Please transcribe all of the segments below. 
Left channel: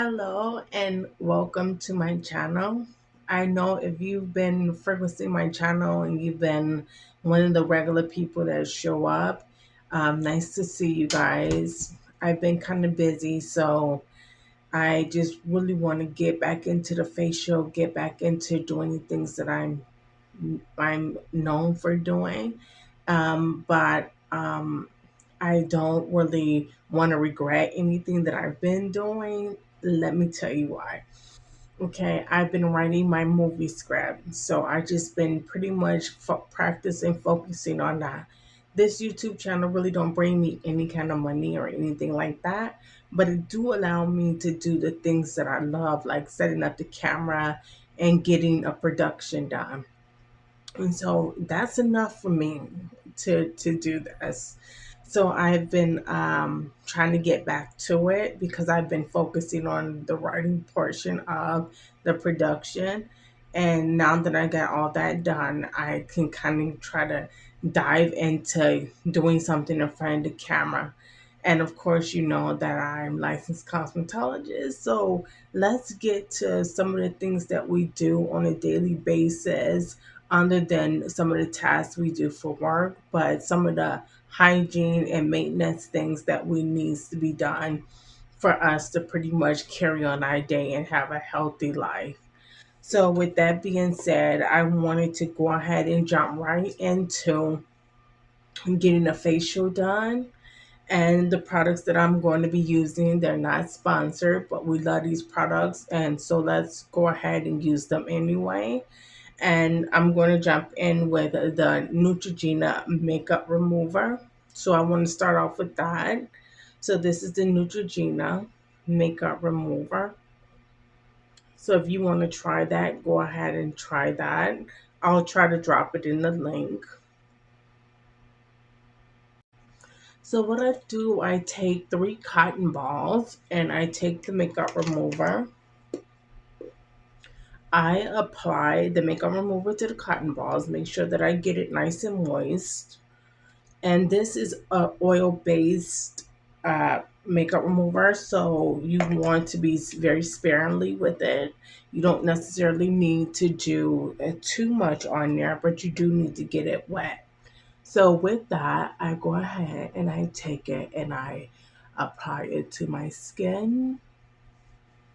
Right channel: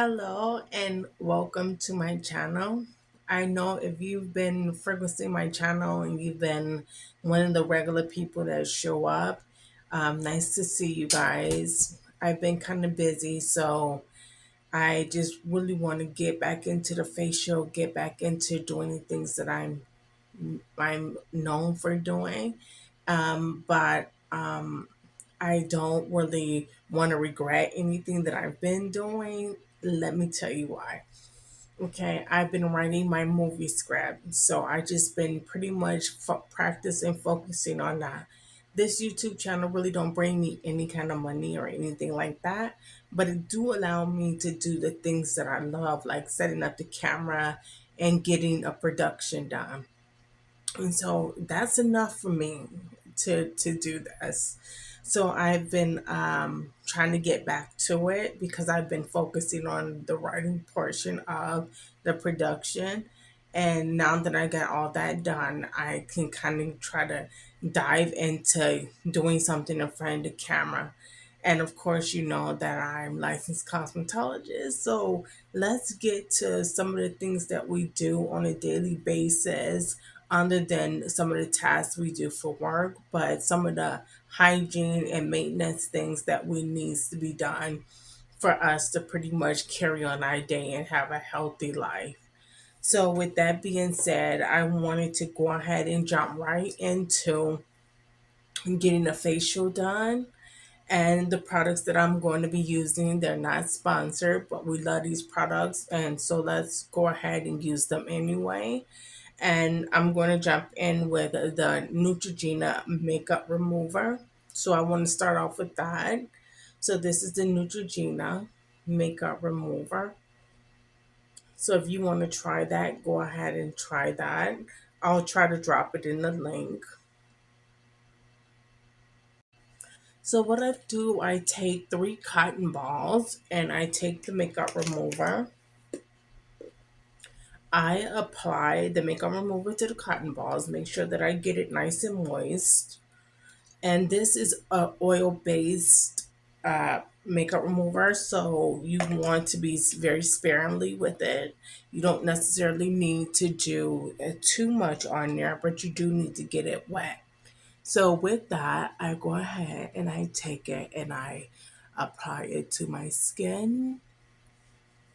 Hello and welcome to my channel. I know if you've been frequenting my channel and you've been one of the regular people that show up, nice to see you guys. I've been kind of busy, so I just really want to get back into the facial, get back into doing the things that I'm known for doing. But I don't really want to regret anything that I've been doing. Let me tell you why. Okay, I've been writing my movie script, so I just been pretty much practicing, focusing on that. This YouTube channel really don't bring me any kind of money or anything like that, but it do allow me to do the things that I love, like setting up the camera and getting a production done. And so that's enough for me to do this. So I've been trying to get back to it because I've been focusing on the writing portion of the production. And now that I got all that done, I can kind of try to dive into doing something in front of the camera. And of course, you know that I'm licensed cosmetologist. So let's get to some of the things that we do on a daily basis, other than some of the tasks we do for work, but some of the hygiene and maintenance things that we needs to be done for us to pretty much carry on our day and have a healthy life. So with that being said, I wanted to go ahead and jump right into getting a facial done. And the products that I'm going to be using, they're not sponsored, but we love these products. And so let's go ahead and use them anyway. And I'm going to jump in with the Neutrogena makeup remover. So I want to start off with that. So this is the Neutrogena makeup remover. So if you want to try that, go ahead and try that. I'll try to drop it in the link. So what I do, I take 3 cotton balls and I take the makeup remover. I apply the makeup remover to the cotton balls, make sure that I get it nice and moist. And this is a oil based makeup remover, so you want to be very sparingly with it. You don't necessarily need to do too much on there, but you do need to get it wet. So with that, I go ahead and I take it and I apply it to my skin,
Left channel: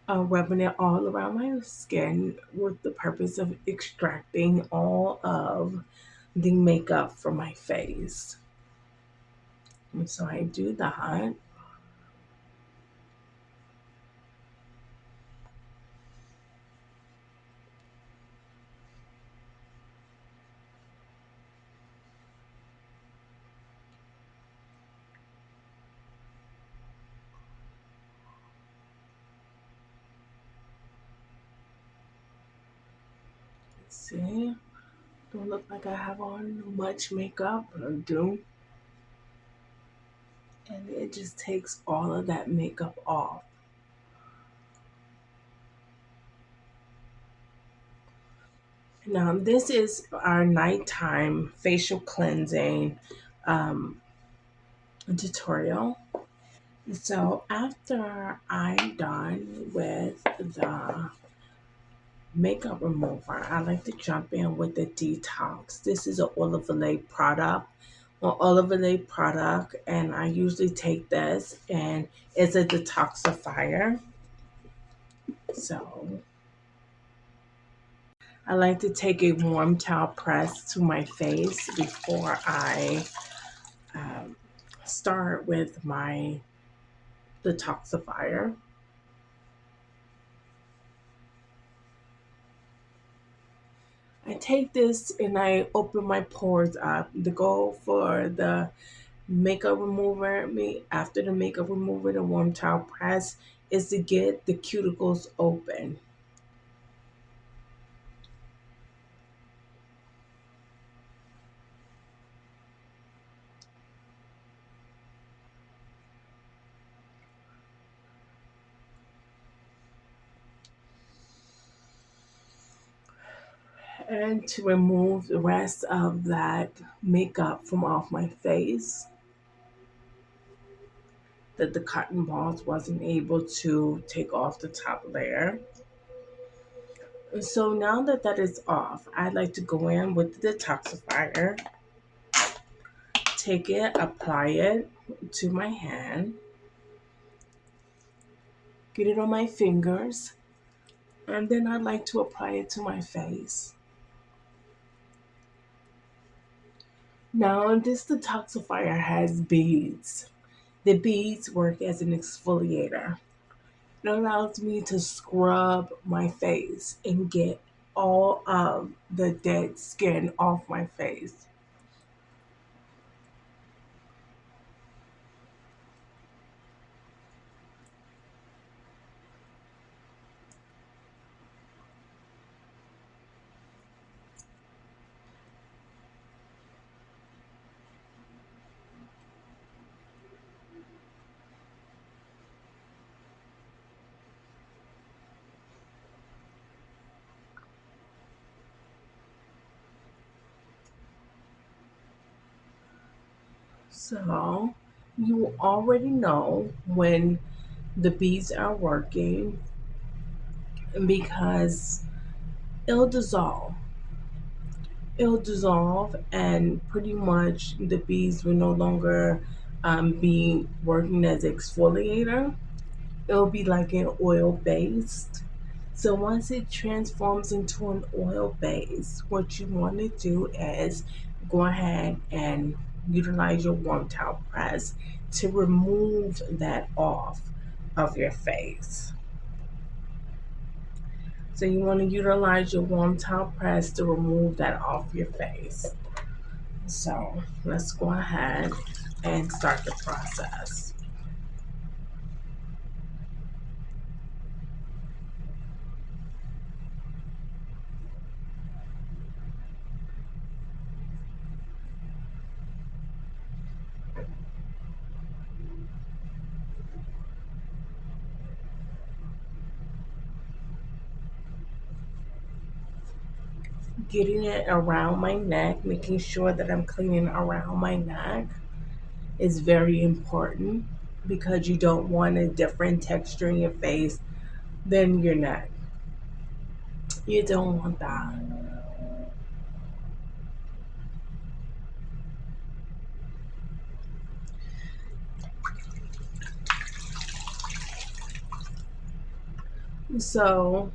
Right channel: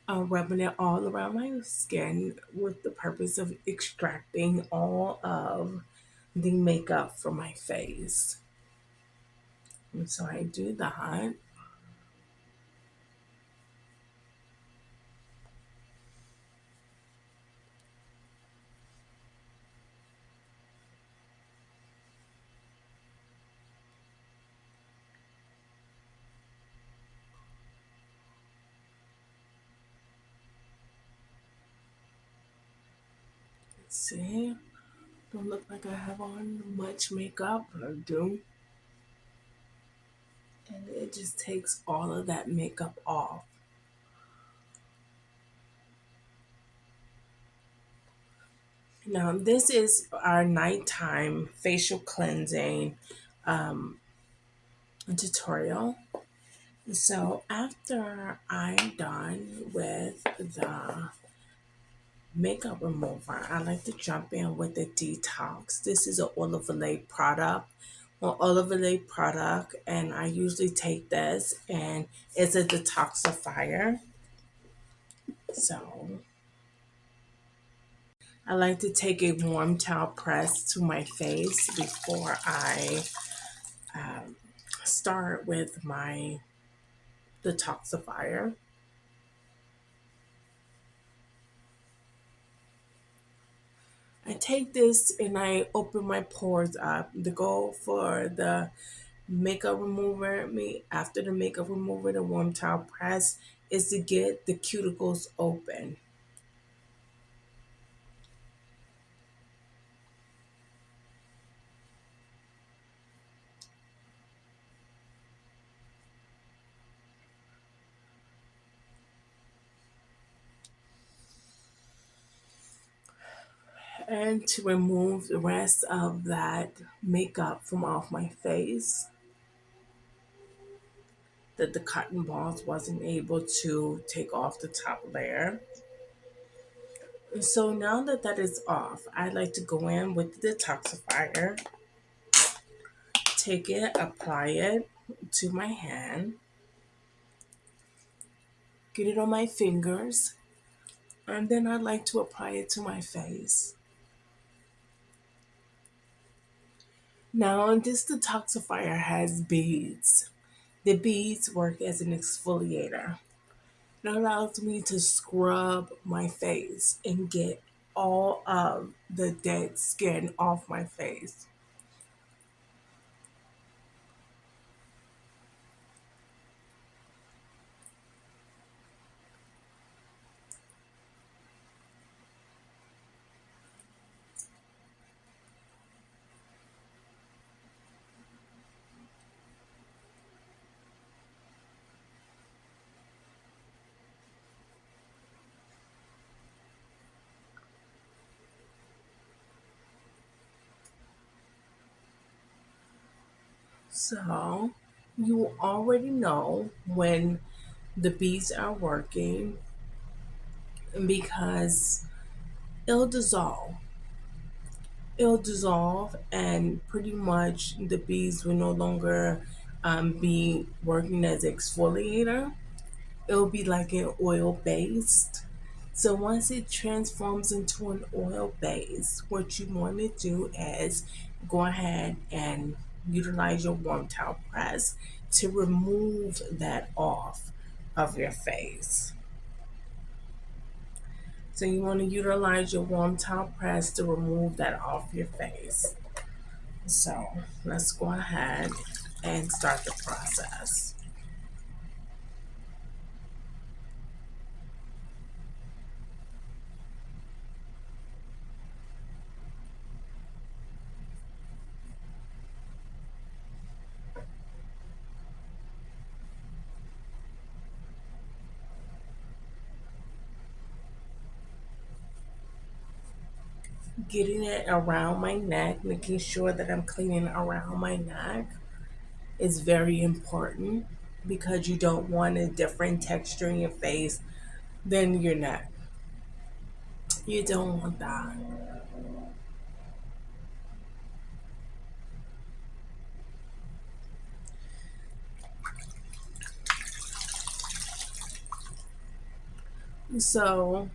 rubbing it all around my skin with the purpose of extracting all of the makeup from my face. And so I do that. See, don't look like I have on much makeup, but I do. And it just takes all of that makeup off. Now, this is our nighttime facial cleansing um, tutorial. So, after I'm done with the makeup remover, I like to jump in with the detox. This is an Olivale product. Well, Olivale product, and I usually take this, and it's a detoxifier. So I like to take a warm towel press to my face before I um, start with my detoxifier. I take this and I open my pores up. The goal for the makeup remover, me after the makeup remover, the warm towel press, is to get the cuticles open. And to remove the rest of that makeup from off my face. that the cotton balls wasn't able to take off the top layer. And so now that that is off, I like to go in with the detoxifier, take it, apply it to my hand, get it on my fingers, and then I like to apply it to my face. Now, this detoxifier has beads. The beads work as an exfoliator. It allows me to scrub my face and get all of the dead skin off my face. So, you already know when the beads are working because it'll dissolve. It'll dissolve, and pretty much the beads will no longer be working as exfoliator. It'll be like an oil based. So once it transforms into an oil base, what you want to do is go ahead and utilize your warm towel press to remove that off of your face. So you want to utilize your warm towel press to remove that off your face. So let's go ahead and start the process. Getting it around my neck, making sure that I'm cleaning around my neck is very important because you don't want a different texture in your face than your neck. You don't want that. So,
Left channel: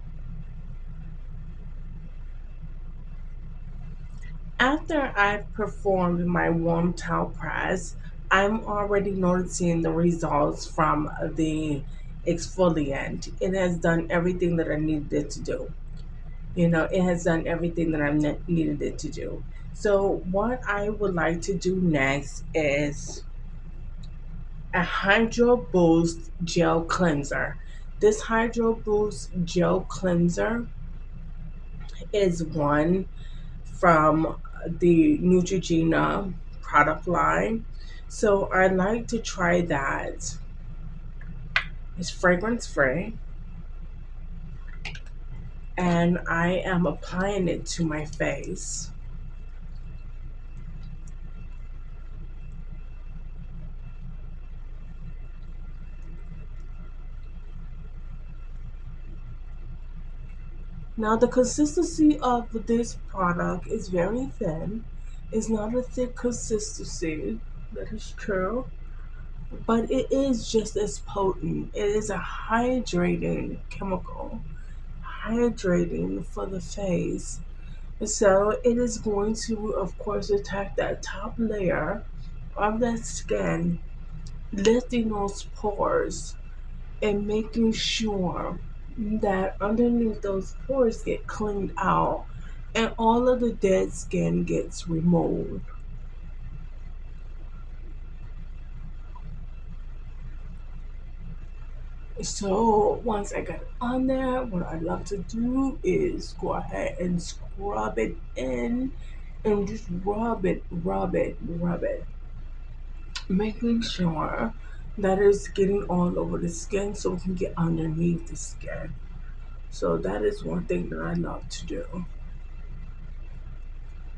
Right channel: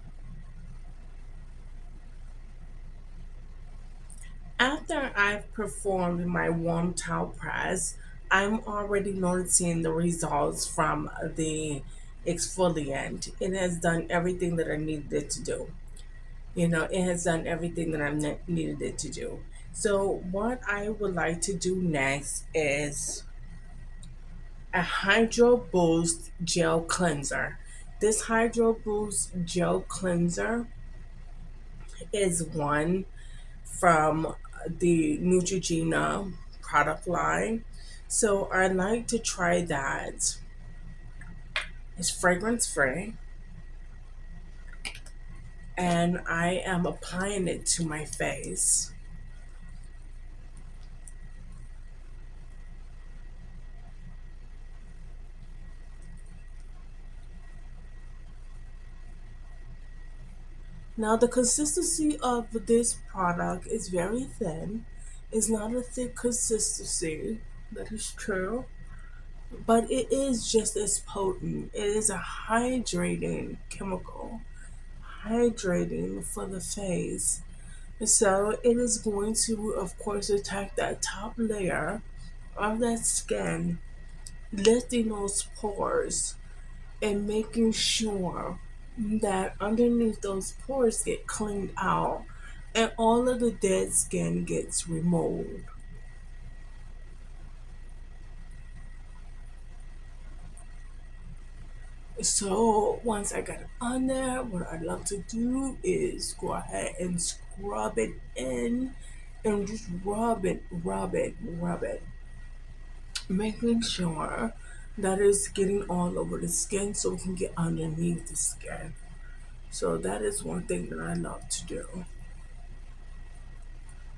after I've performed my warm towel press, I'm already noticing the results from the exfoliant. It has done everything that I needed it to do. It has done everything that needed it to do. So, what I would like to do next is a Hydro Boost Gel Cleanser. This Hydro Boost Gel Cleanser is one from the Neutrogena product line. So I'd like to try that. It's fragrance free, and I am applying it to my face. Now, the consistency of this product is very thin. It's not a thick consistency, that is true, but it is just as potent. It is a hydrating chemical, hydrating for the face. So, it is going to, of course, attack that top layer of that skin, lifting those pores and making sure that underneath those pores get cleaned out and all of the dead skin gets removed. So once I got it on there, what I love to do is go ahead and scrub it in and just rub it, rub it, rub it, making sure that it's getting all over the skin so we can get underneath the skin. So that is one thing that I love to do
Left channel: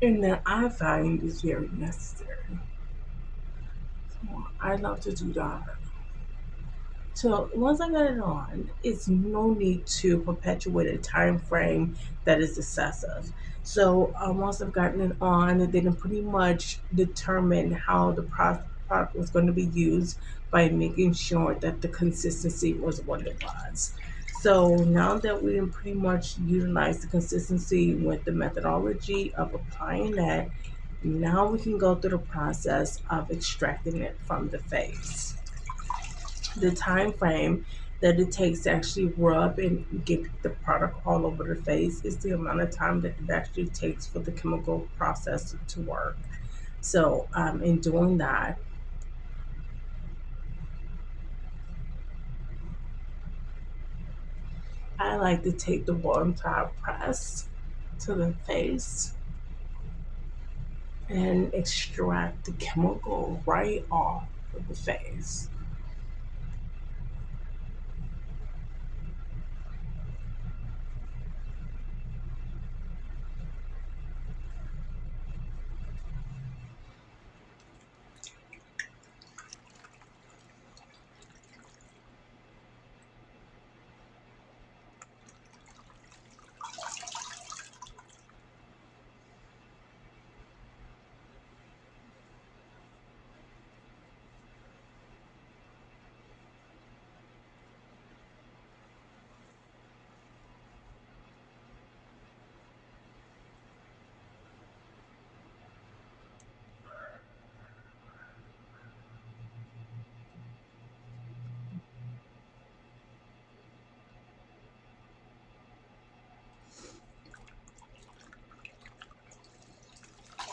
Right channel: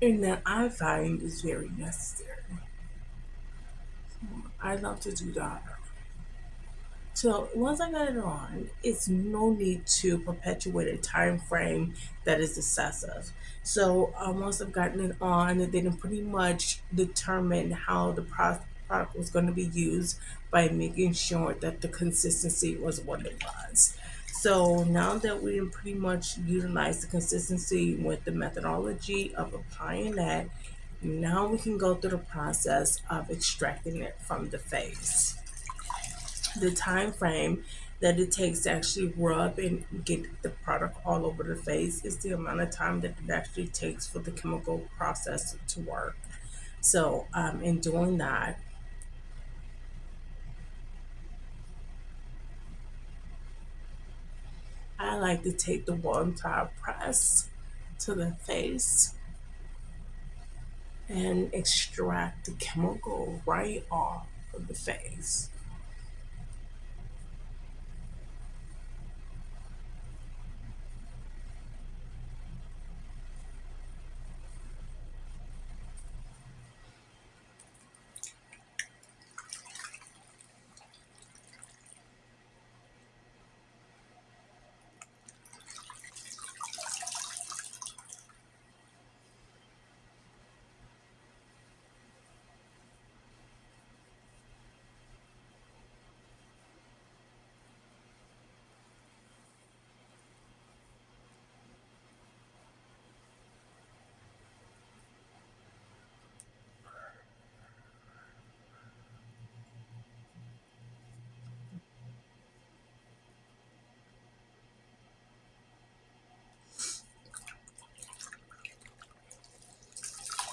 and that I find is very necessary. So I love to do that. So once I got it on, it's no need to perpetuate a time frame that is excessive. So once I've gotten it on, then I pretty much determine how the product was going to be used by making sure that the consistency was what it was. So now that we can pretty much utilize the consistency with the methodology of applying that, now we can go through the process of extracting it from the face. The time frame that it takes to actually rub and get the product all over the face is the amount of time that it actually takes for the chemical process to work. So, in doing that, I like to take the one time press to the face and extract the chemical right off of the face.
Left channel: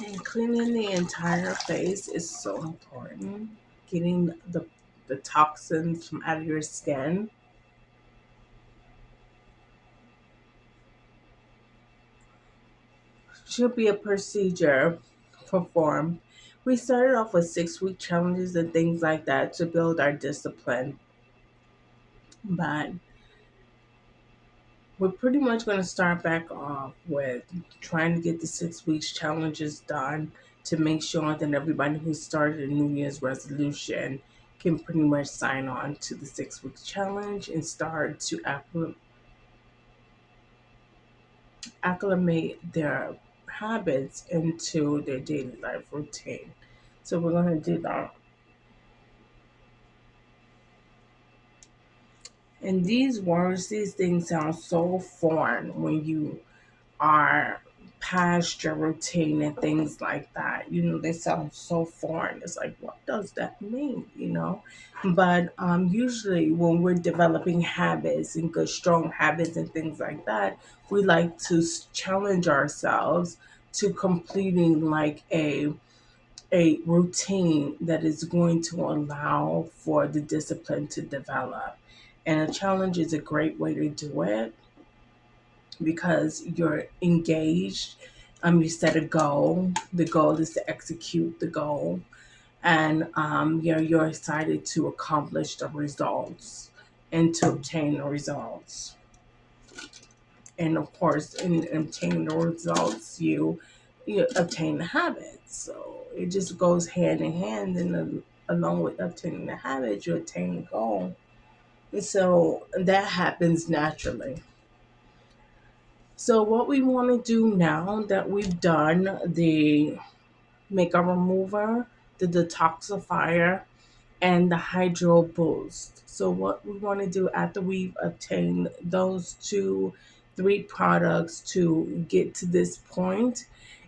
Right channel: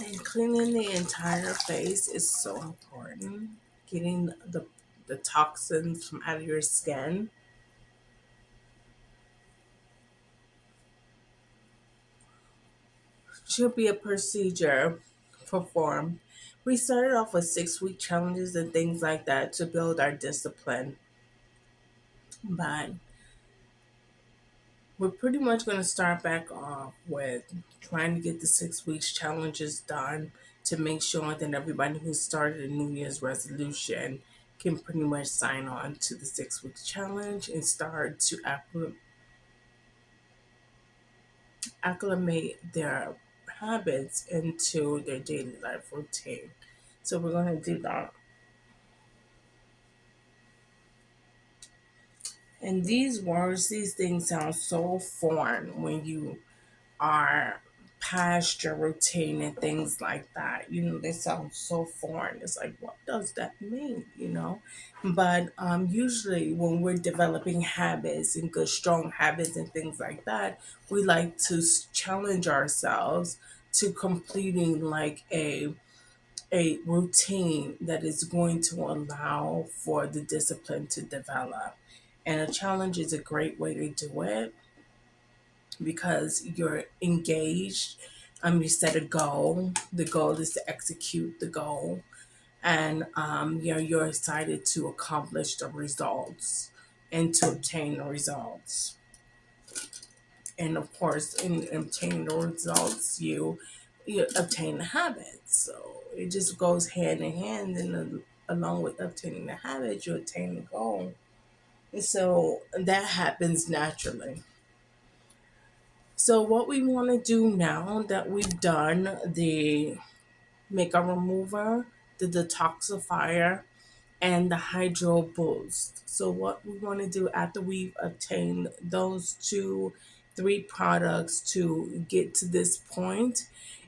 And cleaning the entire face is so important. Getting the toxins from out of your skin should be a procedure performed. We started off with 6 week challenges and things like that to build our discipline, but we're pretty much going to start back off with trying to get the 6 weeks challenges done to make sure that everybody who started a New Year's resolution can pretty much sign on to the 6 weeks challenge and start to acclimate their habits into their daily life routine. So we're going to do that. And these words, these things sound so foreign when you are past your routine and things like that. They sound so foreign. It's like, what does that mean? But usually when we're developing habits and good, strong habits and things like that, we like to challenge ourselves to completing like a routine that is going to allow for the discipline to develop. And a challenge is a great way to do it because you're engaged. You set a goal. The goal is to execute the goal, and you're excited to accomplish the results and to obtain the results. And of course, in obtaining the results, you obtain the habits. So it just goes hand in hand, and along with obtaining the habit, you attain the goal. So that happens naturally. So what we want to do now that we've done the makeup remover, the detoxifier, and the hydro boost. So what we want to do after we've obtained those three products to get to this point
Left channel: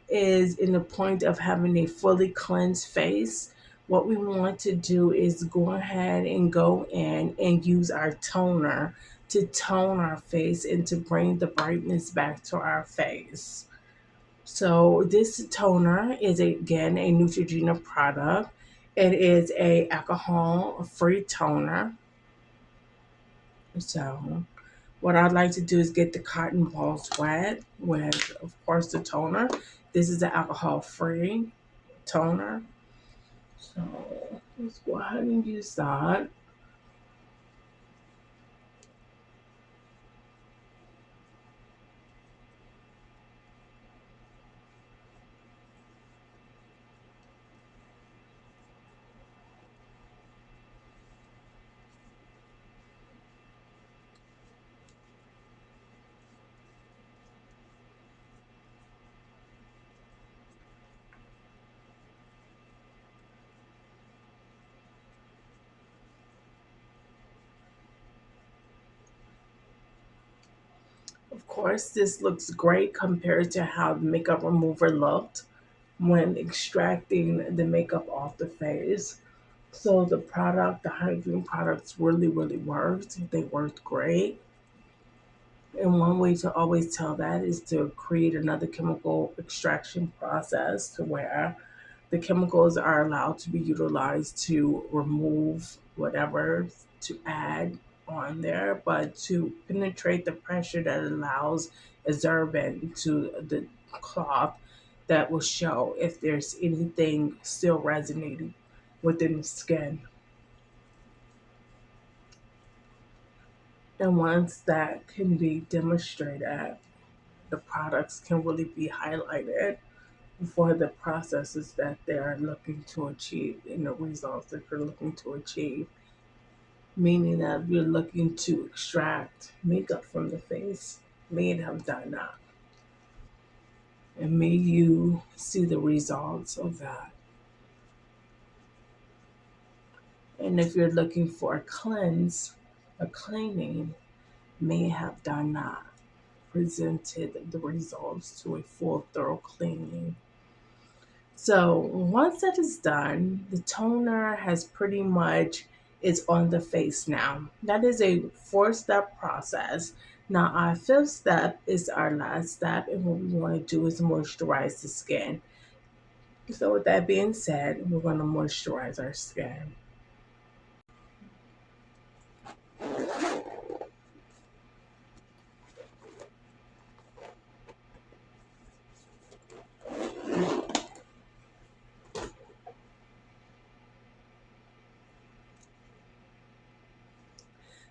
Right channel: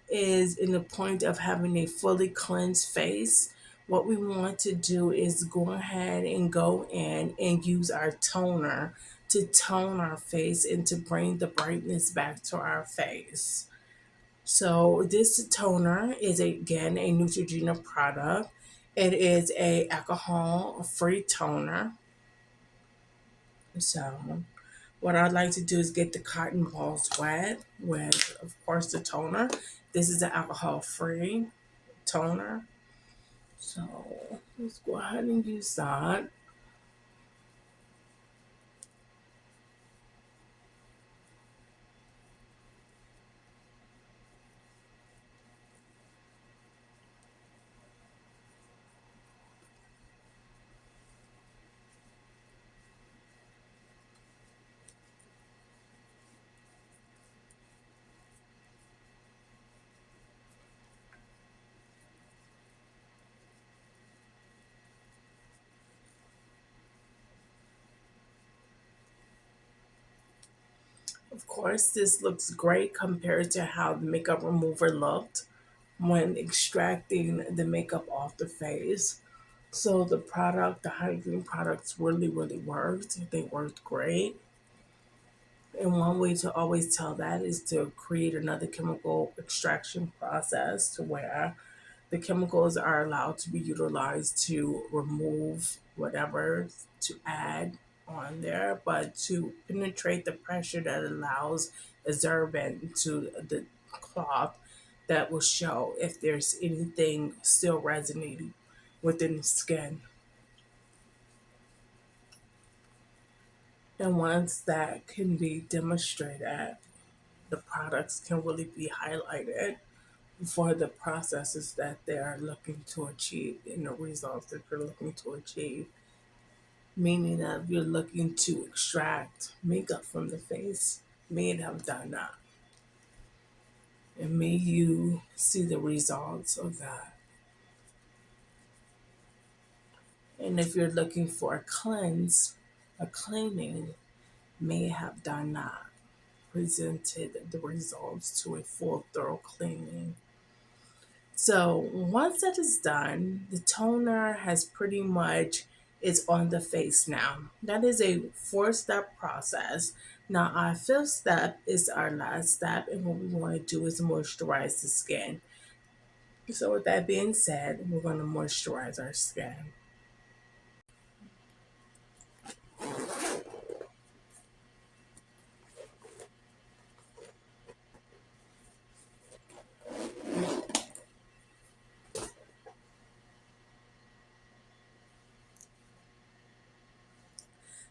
is in the point of having a fully cleansed face. What we want to do is go ahead and go in and use our toner to tone our face and to bring the brightness back to our face. So this toner is again a Neutrogena product. It is a alcohol-free toner. So what I'd like to do is get the cotton balls wet with, of course, the toner. This is an alcohol-free toner. So let's go ahead and use that. course, this looks great compared to how the makeup remover looked when extracting the makeup off the face. So the product, the hygiene products really worked. They worked great. And one way to always tell that is to create another chemical extraction process to where the chemicals are allowed to be utilized to remove whatever to add on there, but to penetrate the pressure that allows absorbent to the cloth that will show if there's anything still resonating within the skin. And once that can be demonstrated, the products can really be highlighted for the processes that they are looking to achieve and the results that they're looking to achieve. Meaning that if you're looking to extract makeup from the face, may have done that. And may you see the results of that. And if you're looking for a cleanse, a cleaning, may have done that. Presented the results to a full, thorough cleaning. So once that is done, the toner has pretty much is on the face now. That is a four-step process. Now our fifth step is our last step, and what we want to do is moisturize the skin. So with that being said, we're going to moisturize our skin.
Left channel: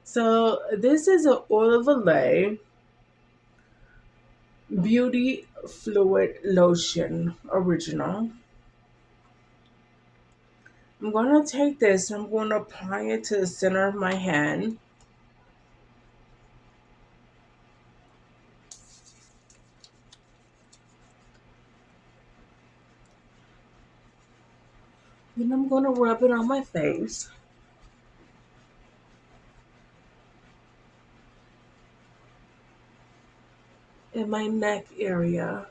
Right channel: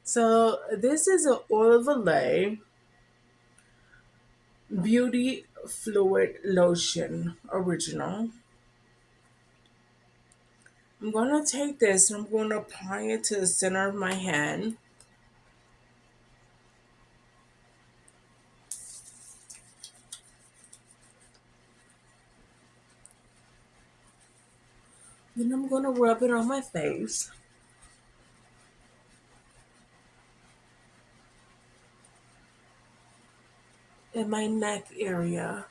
So this is an oil of Olay Beauty Fluid Lotion Original. I'm going to take this and I'm going to apply it to the center of my hand. Then I'm going to rub it on my face. In my neck area.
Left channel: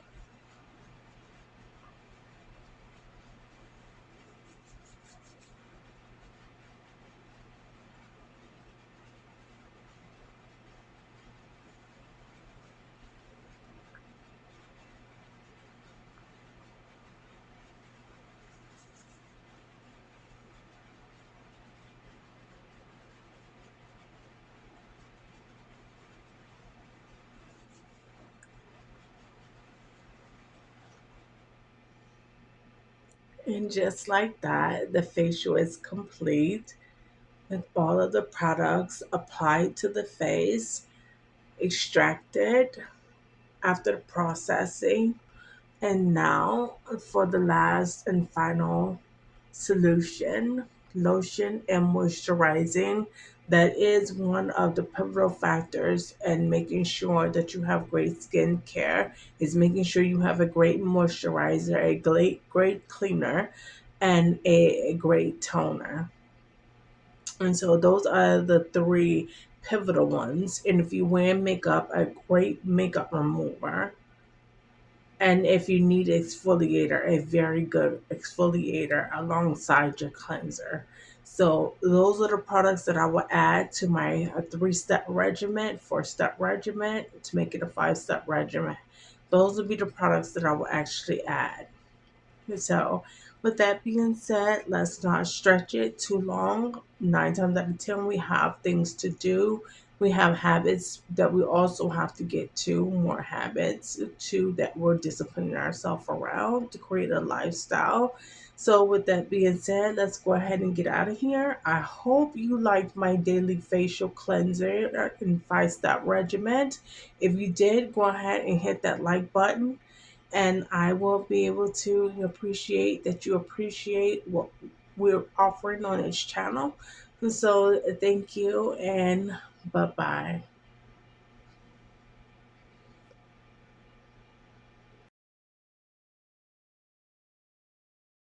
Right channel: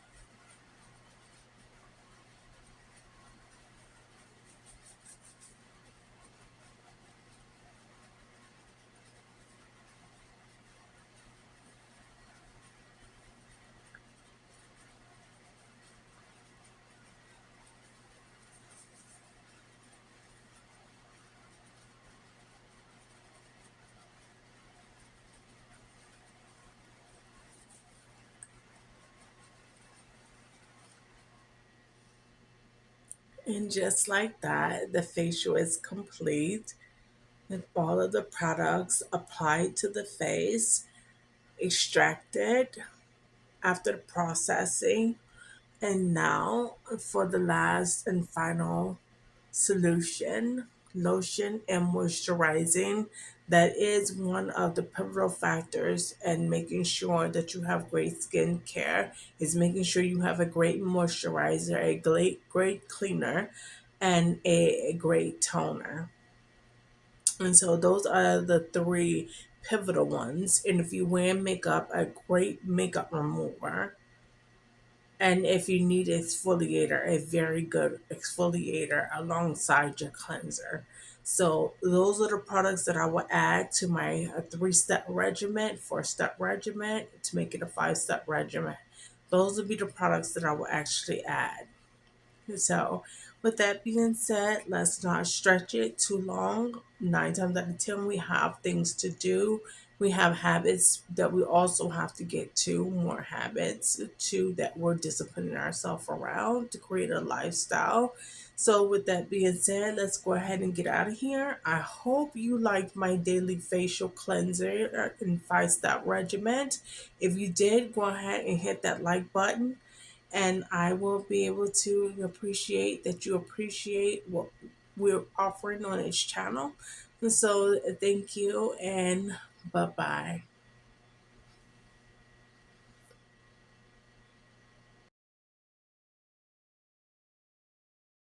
And just like that, the facial is complete with all of the products applied to the face, extracted after the processing. And now for the last and final solution, lotion and moisturizing. That is one of the pivotal factors and making sure that you have great skin care is making sure you have a great moisturizer, a great cleaner, and a great toner. And so those are the three pivotal ones. And if you wear makeup, a great makeup remover, and if you need exfoliator, a very good exfoliator alongside your cleanser. So those are the products that I will add to my three-step regimen, four-step regimen to make it a five-step regimen. Those will be the products that I will actually add. So, with that being said, let's not stretch it too long. Nine times out of 10, we have things to do. We have habits that we also have to get to, more habits to that we're disciplining ourselves around to create a lifestyle. So, with that being said, let's go ahead and get out of here. I hope you liked my daily facial cleanser and five-step regimen. If you did, go ahead and hit that like button and I will be able to appreciate that you appreciate what we're offering on this channel. And so, thank you and bye bye.